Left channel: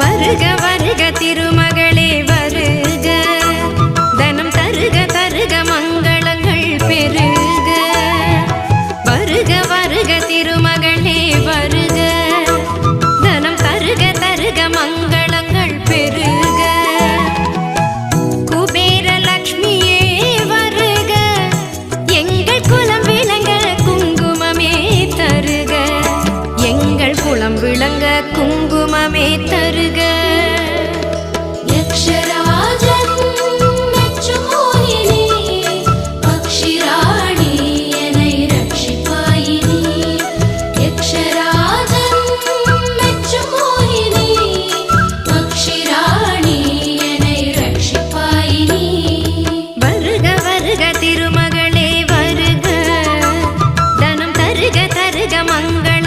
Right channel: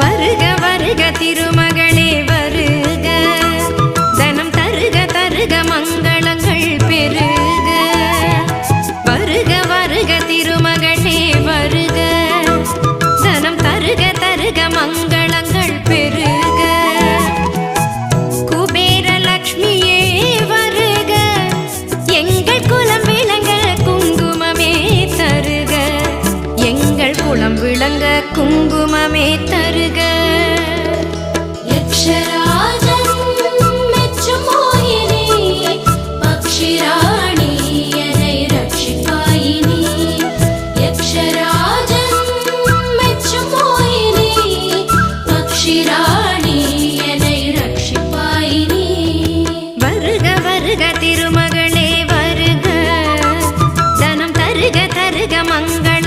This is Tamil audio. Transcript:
வருக வருக திருமகளே வருக, தனம் தருக தருக மங்களங்கள் பெருக. வருக வருக திருமகளே வருக, தனம் தருக தருக மங்களங்கள் பெருக. குபேர லக்ஷ்மியே வருக, எங்கள் குலம் விளங்க குங்குமமே தருக, எங்கள் குலம் விளங்க குங்குமமே தருக. வருக திருமகளே வருக, தனம் தருக தருக மங்கள